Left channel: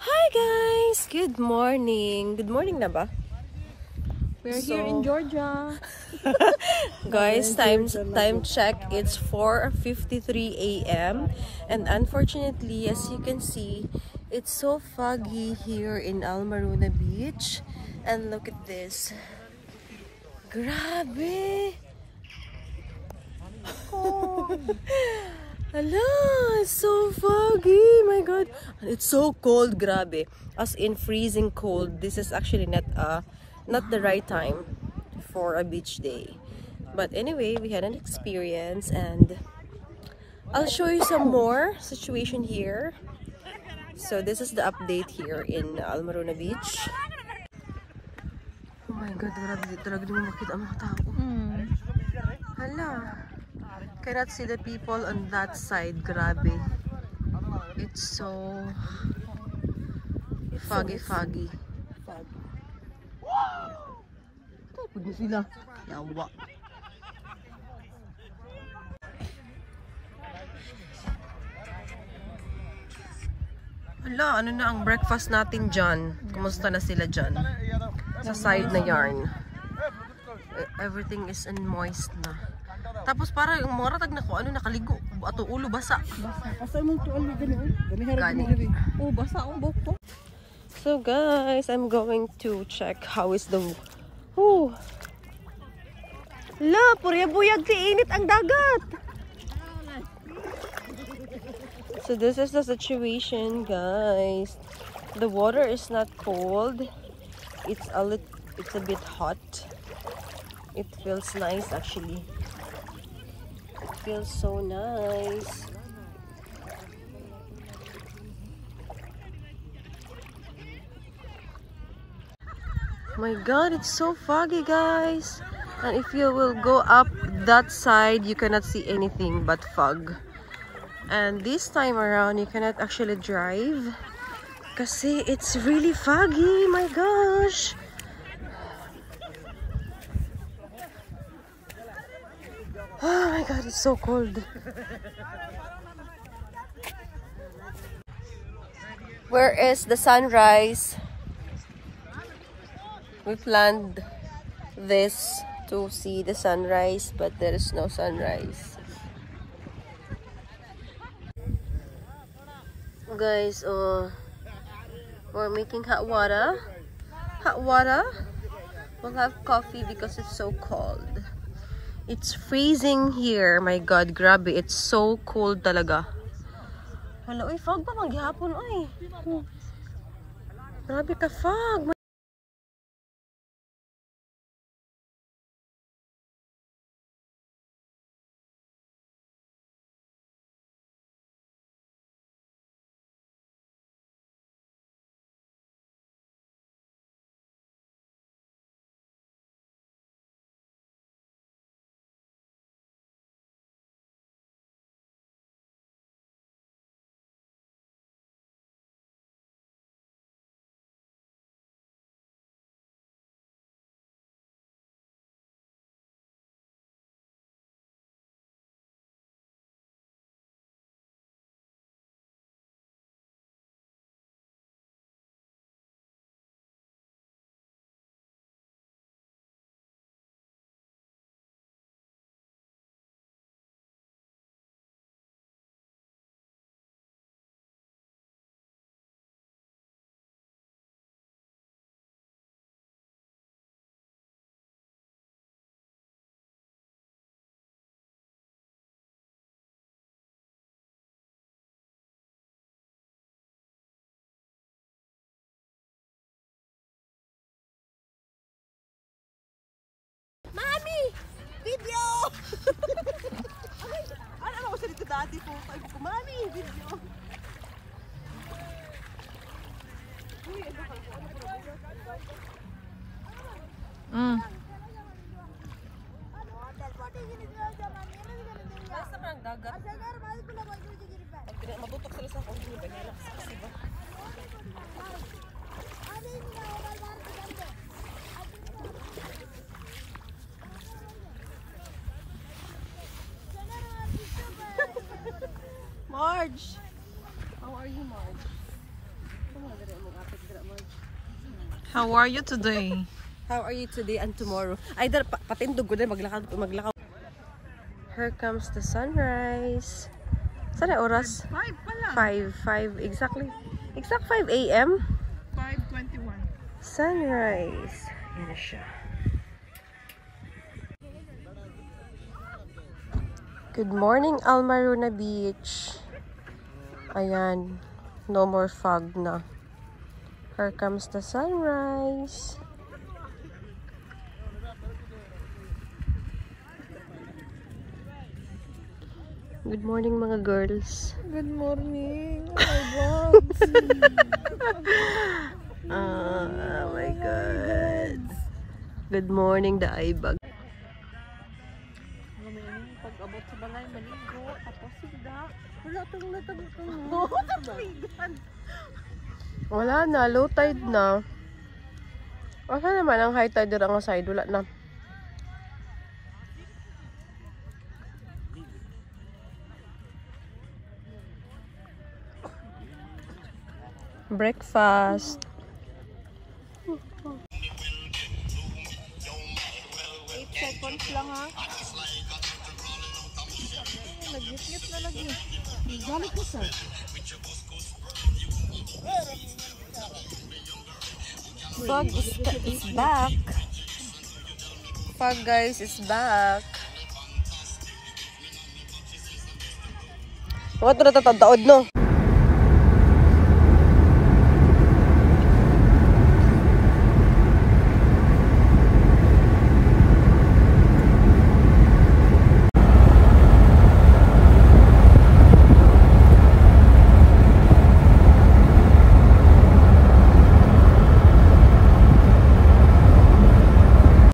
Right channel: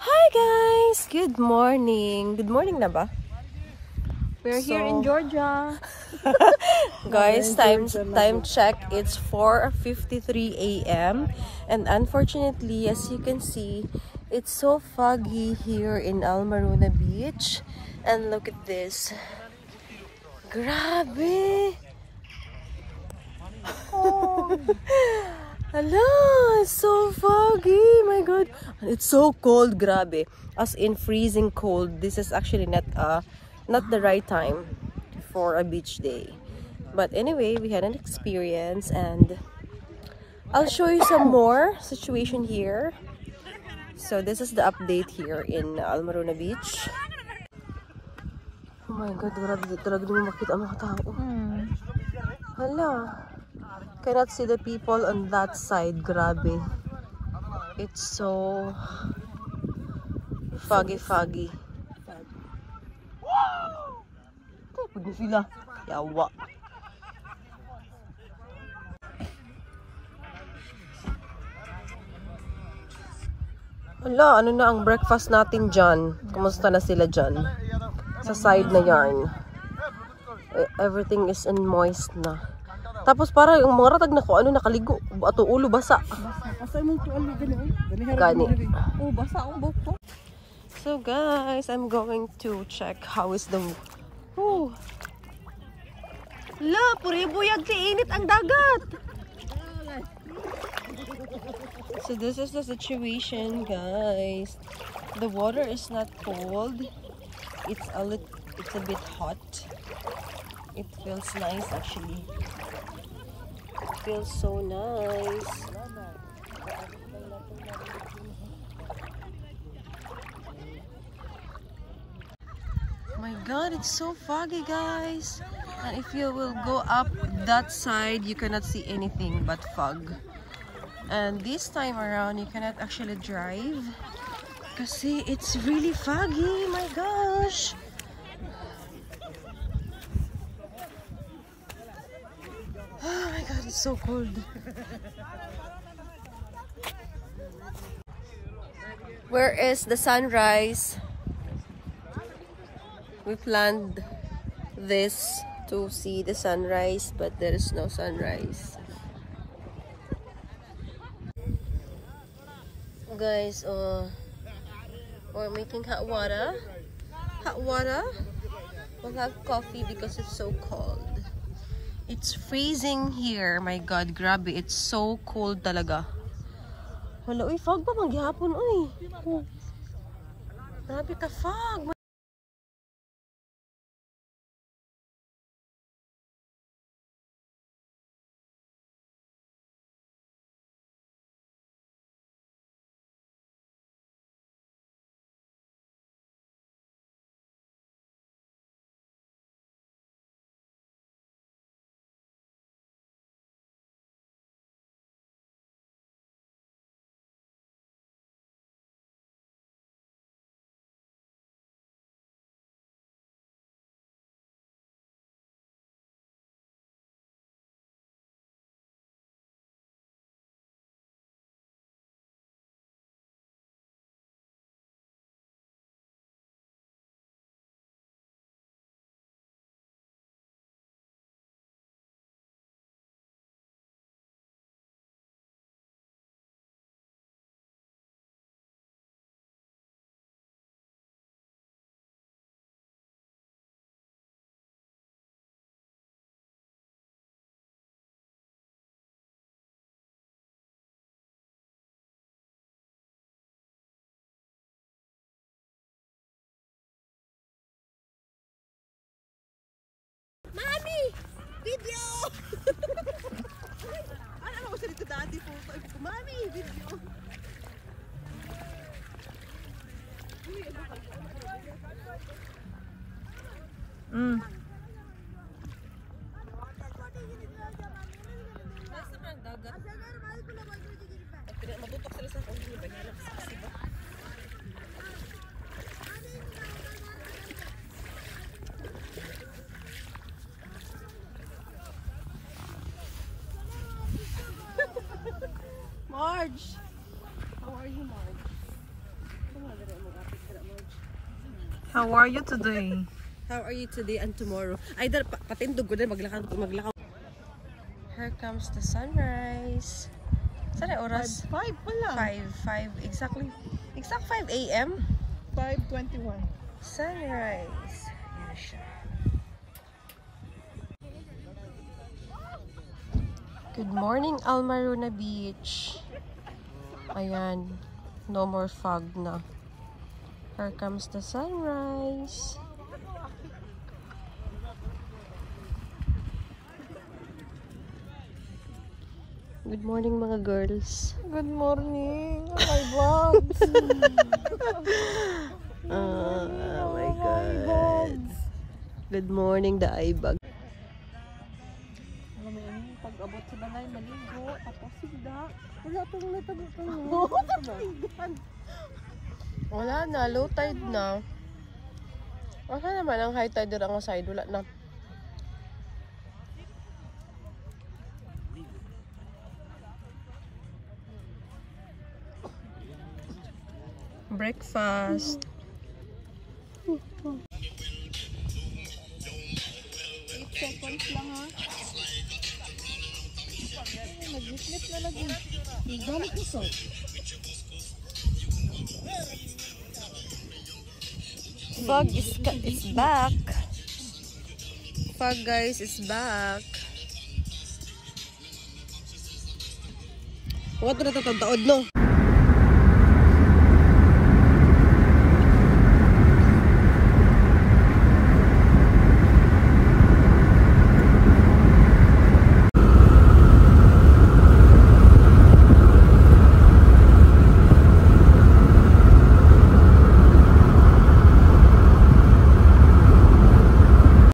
Hi guys! Good morning! Good morning na ba? We're here in Georgia. Guys, time check, it's 4:53 a.m. and unfortunately, as you can see, it's so foggy here in Almaruna Beach. And look at this. Grabe! Oh. Hello, it's so foggy. My God, it's so cold. Grabe, as in freezing cold. This is actually not the right time for a beach day. But anyway, we had an experience, and I'll show you some more situation here. So this is the update here in Almaruna Beach. Oh my God, grabe talaga di mo makita ang mga tao. Hala. Cannot see the people on that side. Grabe. It's so foggy. Tapos na sila. Yawa. Hala, ano na ang breakfast natin dyan? Kumusta na sila dyan? Sa side na yarn. Everything is in moist na. Tapos para yung mga ratag na ko, ano, nakaligo. Ato ulo basa. Basa mong tuwalo Gani. Oh, basa ang buhok ko. So guys, I'm going to check how is the... Oh. La, purya-buyag ti init ang dagat. So this is the situation, guys. The water is not cold. It's a bit hot. It feels nice actually. Feels so nice. My God, it's so foggy, guys. And if you will go up that side, you cannot see anything but fog. And this time around, you cannot actually drive kasi it's really foggy. My gosh. Oh my God, it's so cold. Where is the sunrise? We planned this to see the sunrise, but there is no sunrise. Guys, we're making hot water. We'll have coffee because it's so cold. It's freezing here. My God, grabe. It's so cold talaga. Hala, uy, fog pa maghihapon, uy. Grabe ka, fog. Mami! Video! Ano ko sa dito dati po? Sabi ko, Mami! Video! Nasa parang dagat. Matutok sila sa kong ba yan? Kasi ba? Marge! How are you, Marge? Come on, How are you today? How are you today and tomorrow? Either patindog ko din maglakaw. Here comes the sunrise. Sana oras? 5 pala. 5 exactly. Exact 5 a.m. 5:21. Sunrise. Yan siya. Good morning, Almaruna Beach. Ayan. No more fog na. Here comes the sunrise. Good morning, mga girls. Good morning. Oh my God. Oh my God. Good morning, the ibag. Pag-abot sa balay, maligo. Tapos sigda. Wala itong natagpuan. Wala na, low tide na. Asa naman ang high tide ang side? Wala na. Breakfast. 8 seconds lang ha. Nag-ngit na lagi. Galit ko sa. Fog is back. Fog, guys, is back. What na tatadaod, no?